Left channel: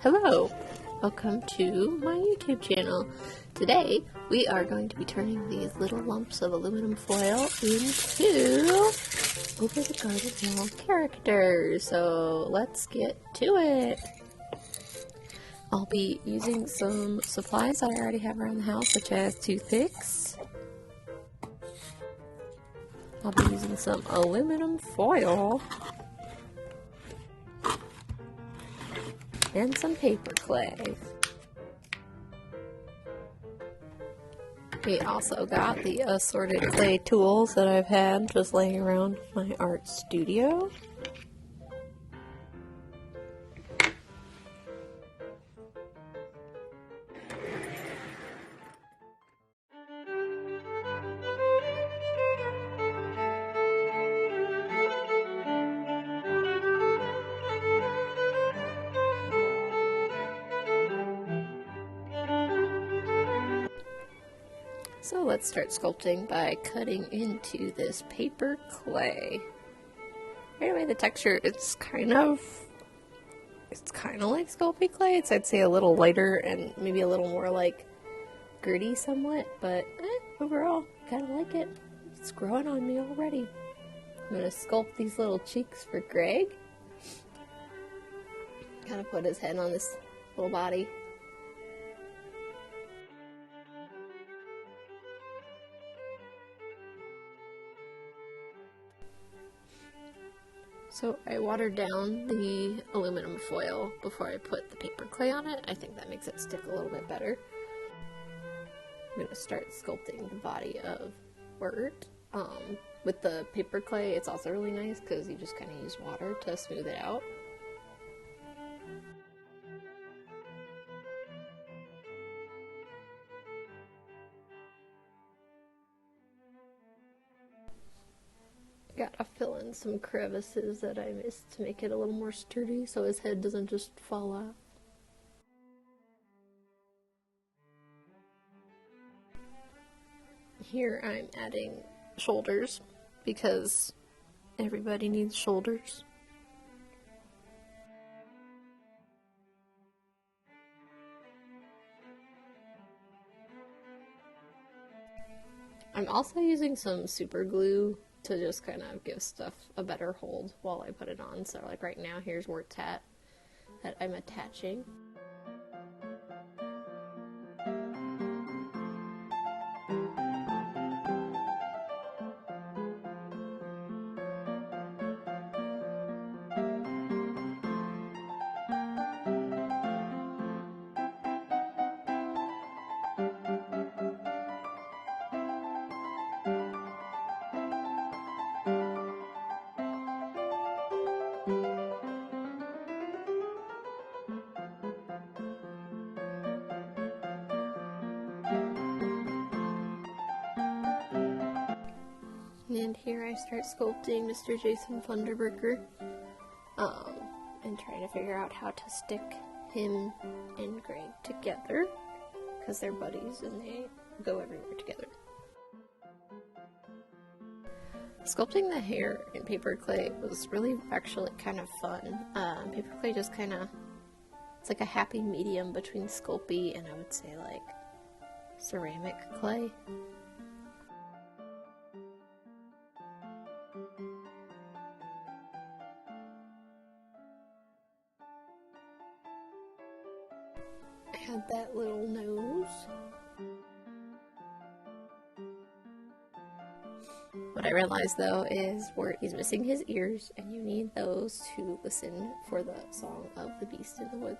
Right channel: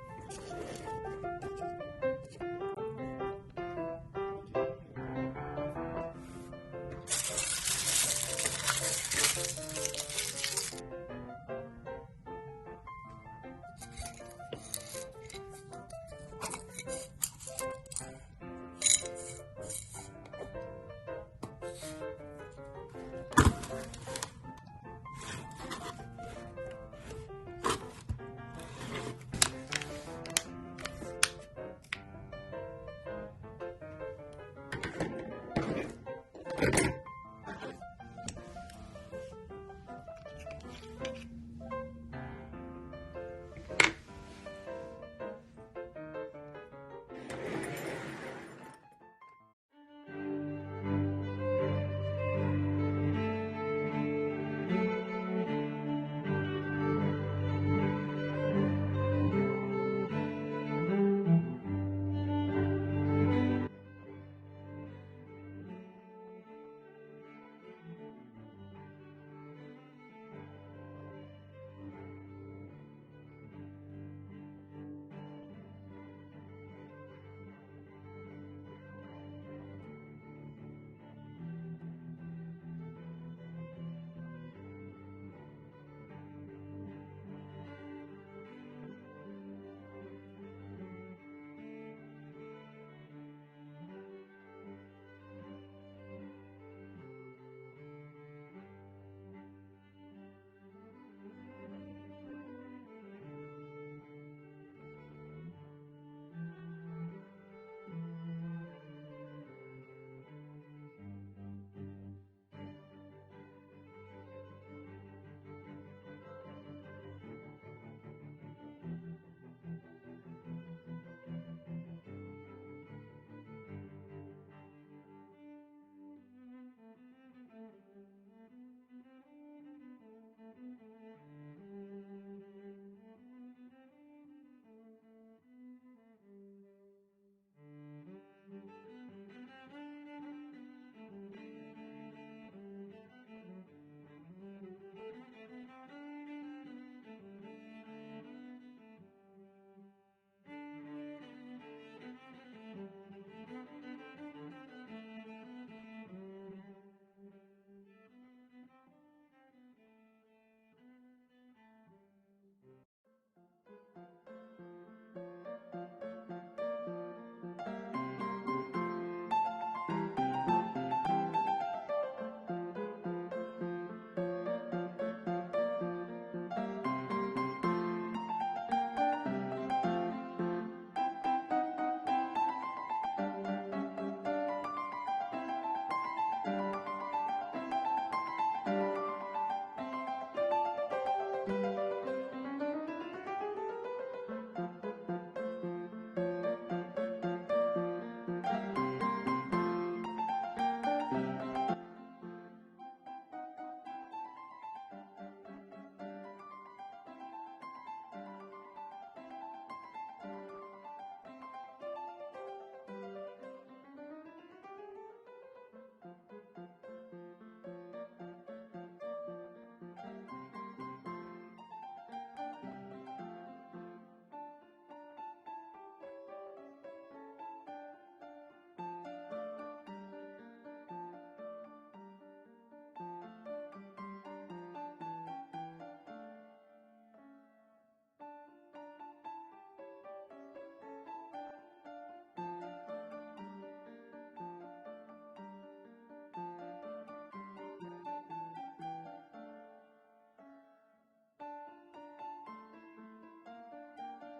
Hello, welcome to my YouTube channel. Today we are going to be turning these little lumps of aluminum foil into Over the Garden Wall characters. So let's get to it. I'll be using some supplies that I already have around the house, such as toothpicks. I'll be using some aluminum foil and some paper clay. We also got the assorted clay tools that I've had just laying around my art studio. So let's start sculpting by cutting into this paper clay. Right away, the texture, it's kind of like Sculpting clay. It's, I'd say, a little lighter and maybe a little more like gritty somewhat, but overall, kind of like it. It's growing on me already. I'm gonna sculpt these little cheeks for Greg. Kind of put his head on this little body. So I watered down the aluminum foil before I put the paper clay on it. I think that makes it stick a little bit better. I'm going to start sculpting the body of Wirt. With the paper clay, it's also really nice because you just kind of use water to smooth it out. Gotta fill in some crevices that I missed to make it a little more sturdy so his head doesn't just fall out. Here I'm adding shoulders because everybody needs shoulders. I'm also using some super glue to just kind of give stuff a better hold while I put it on. So like right now, here's Wirt's hat that I'm attaching. And here I start sculpting Mr. Jason Funderburker, and trying to figure out how to stick him and Greg together, because they're buddies and they go everywhere together. Sculpting the hair in paper clay was really actually kind of fun. Paper clay just kind of, it's like a happy medium between Sculpey and I would say like ceramic clay. I had that little nose. What I realized though is he's missing his ears, and you need those to listen for the song of the Beast in the Woods.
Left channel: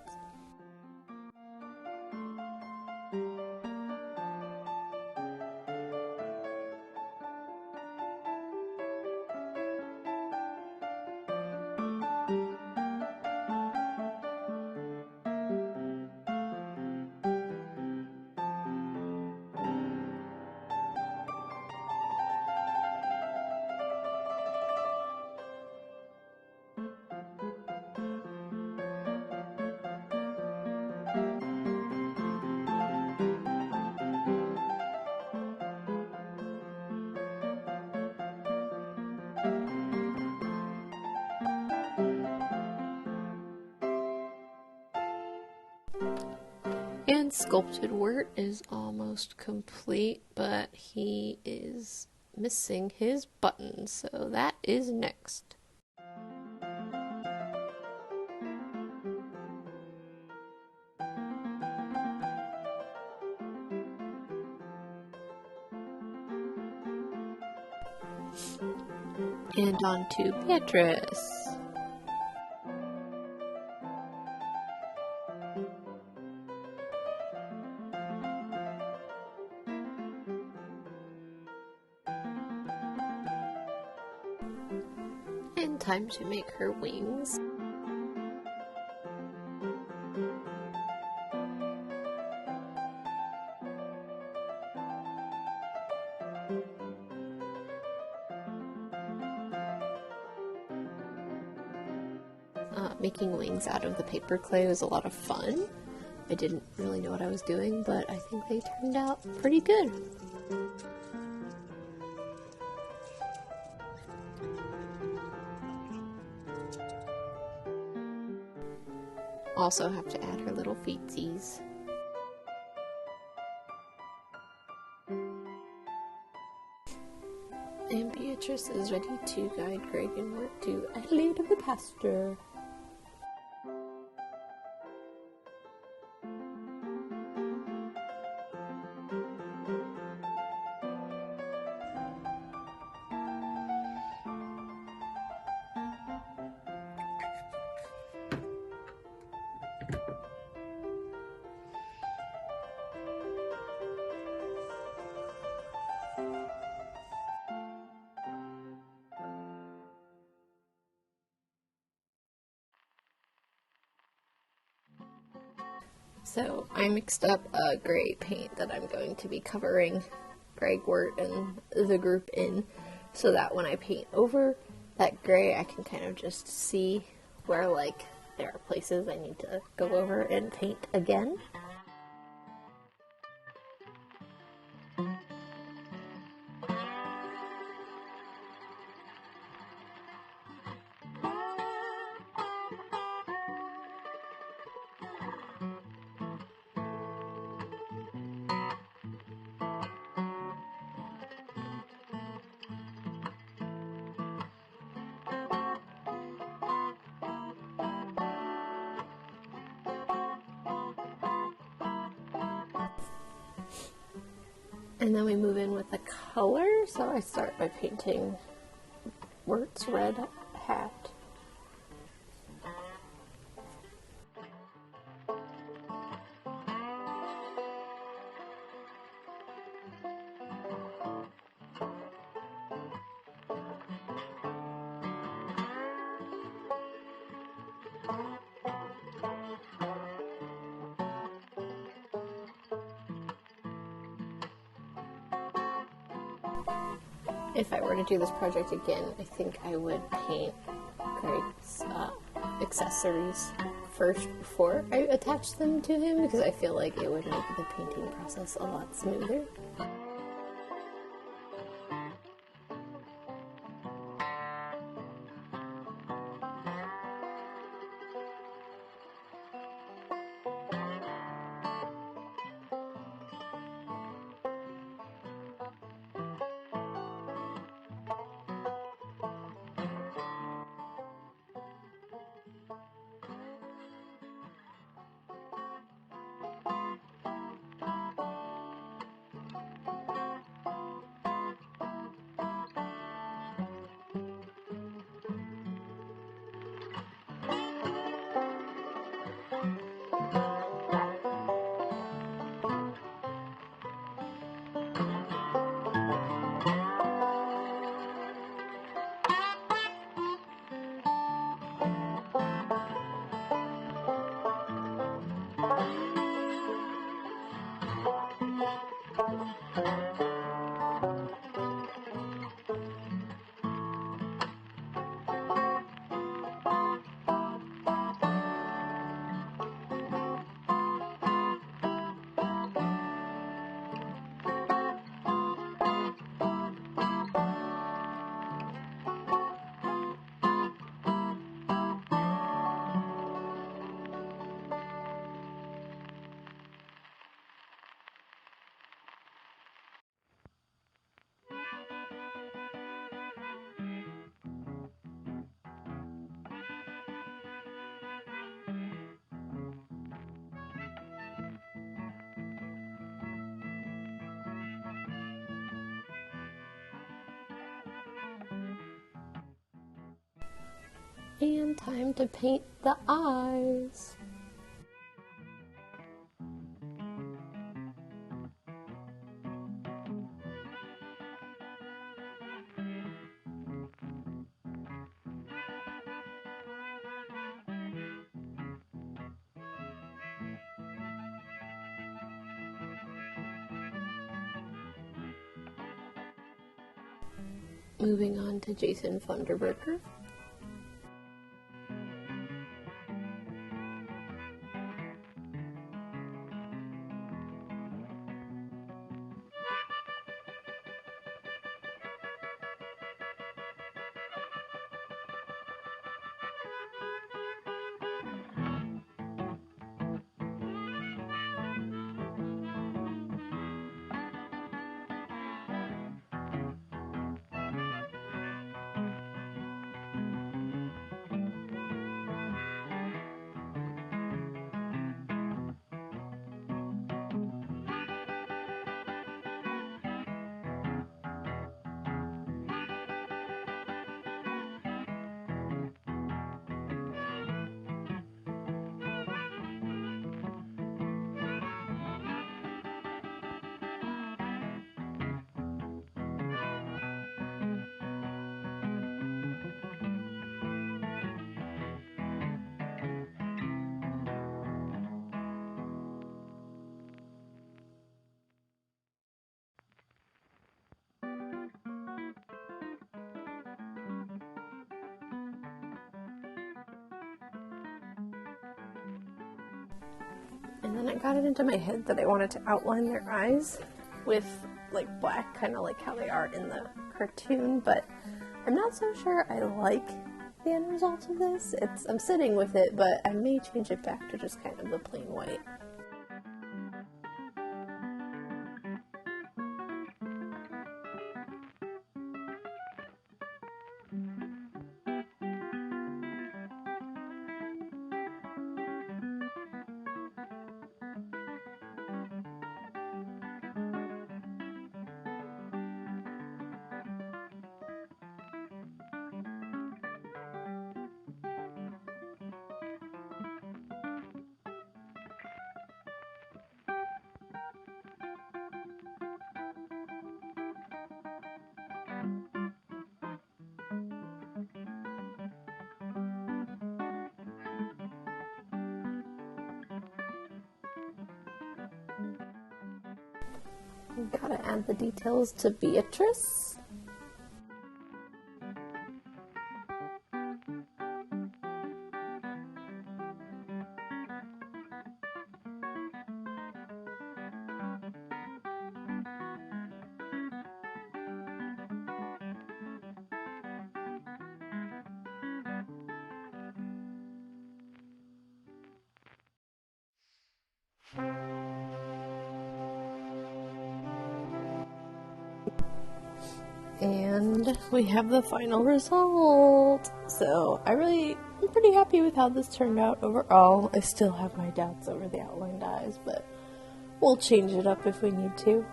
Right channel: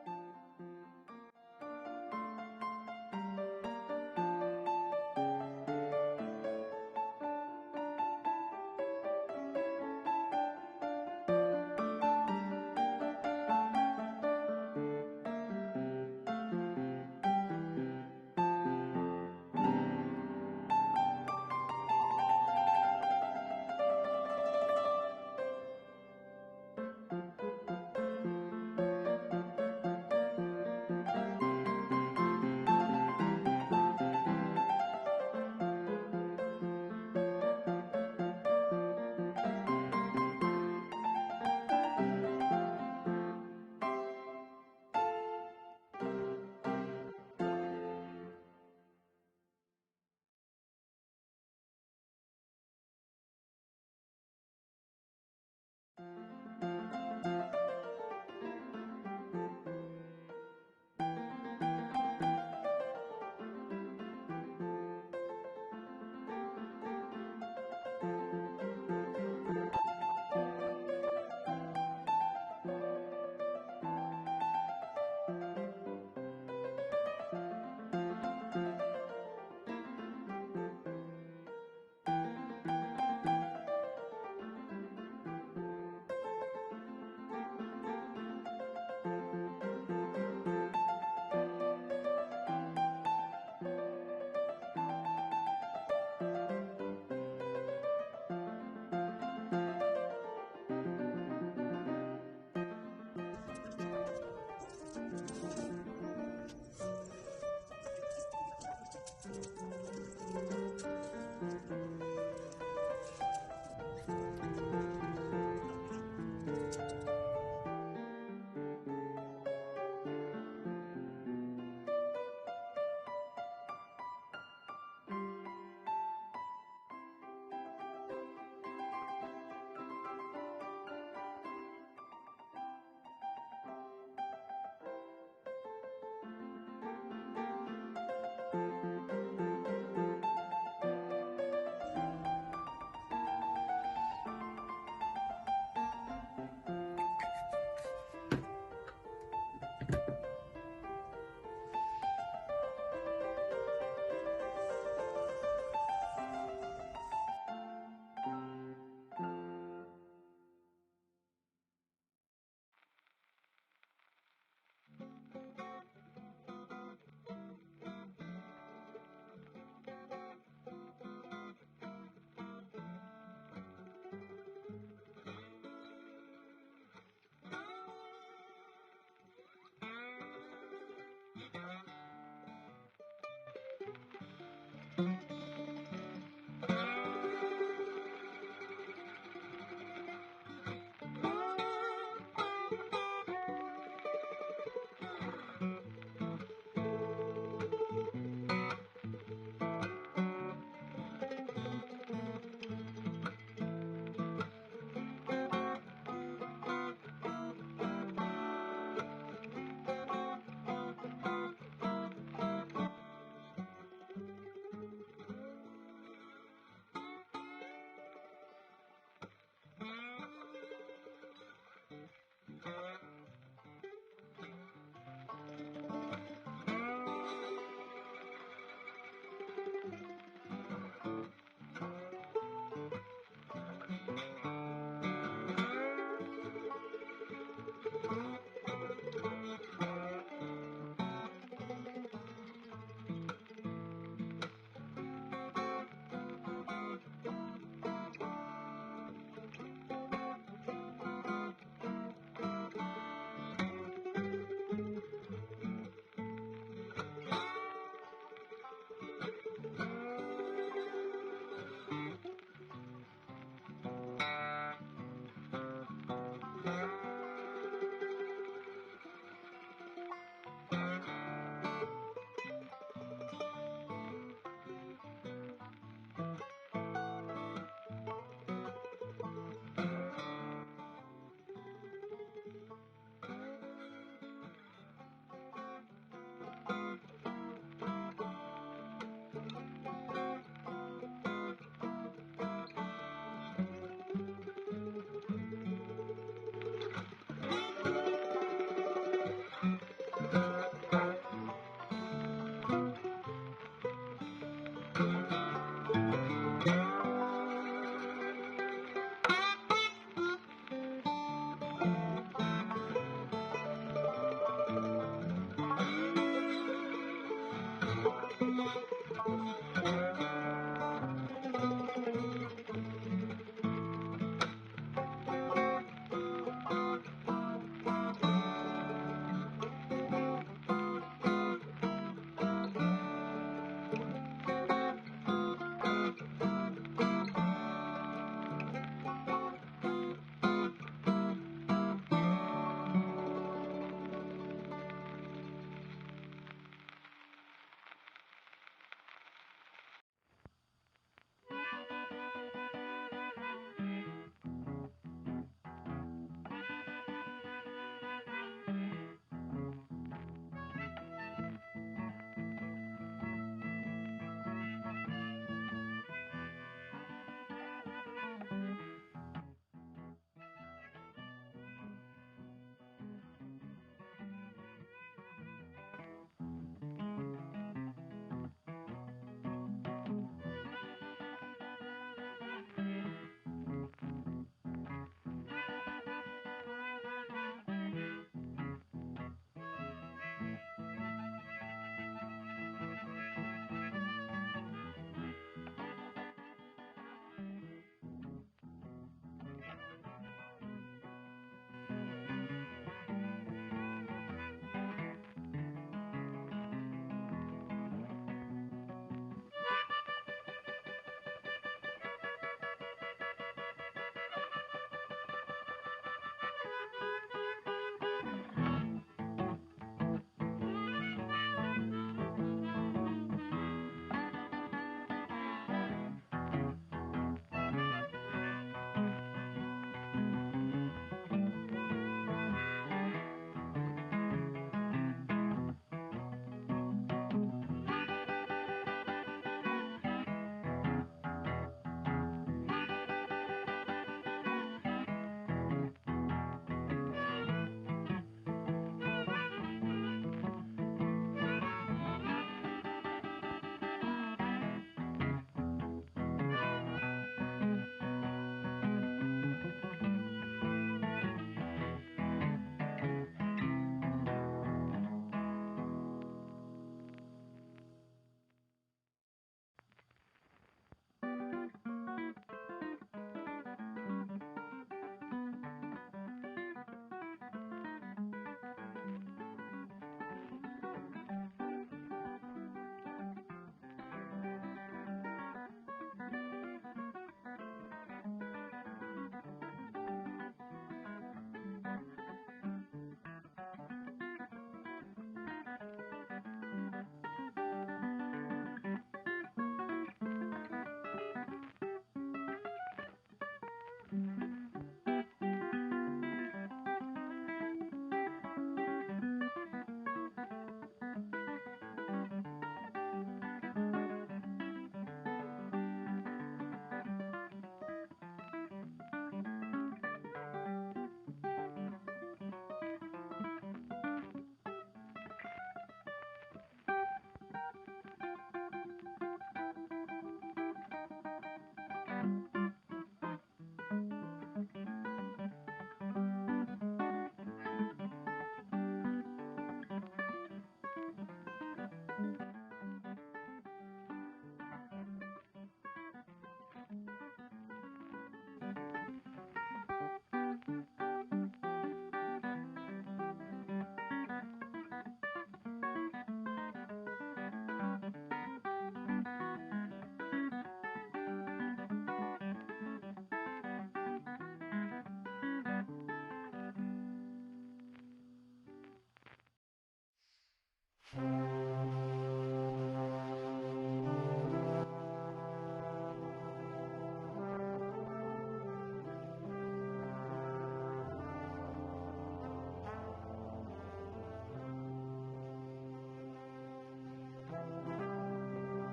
And Sculpted Wort is almost complete, but he is missing his button, so that is next. And on to Beatrice. And time to make her wings. Making wings out of the paper clay was a lot of fun. I didn't really know what I was doing, but I think they turned out pretty good. Also have to add her little feetsies. And Beatrice is ready to guide Greg and Mort to Adelaide to the pasture. So I mixed up a gray paint that I'm going to be covering Greg Wort and the group in, so that when I paint over that gray, I can kind of just see where, like, there are places I need to go over and paint again. And then we move in with the color, so I start by painting Wort's red hat. If I were to do this project again, I think I would paint Greg's accessories first before I attach them to him, because I feel like it would make the painting process a lot smoother. And time to paint the eyes. Moving on to Jason Funderburker. And then I got it into my head that I wanted to outline their eyes with like black, kind of like how they are in the cartoon, but I'm not so sure I like the end result of this. I'm sitting with it, but I may change it back to just kind of the plain white. Gotta add the details to Beatrice. And we have the final result. So I'm pretty happy with how this turned out overall. I still have my doubts over the outlined eyes, but we'll change it up if we need to.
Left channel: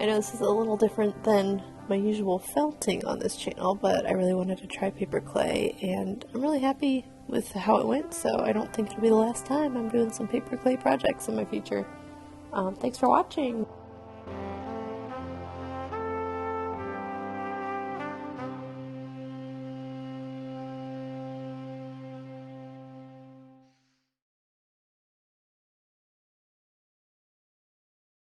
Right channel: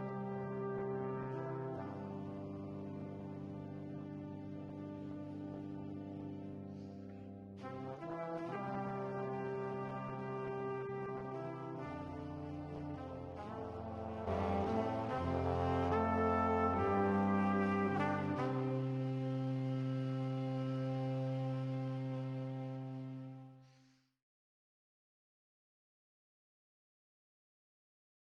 I know this is a little different than my usual felting on this channel, but I really wanted to try paper clay, and I'm really happy with how it went, so I don't think it'll be the last time I'm doing some paper clay projects in my future. Thanks for watching!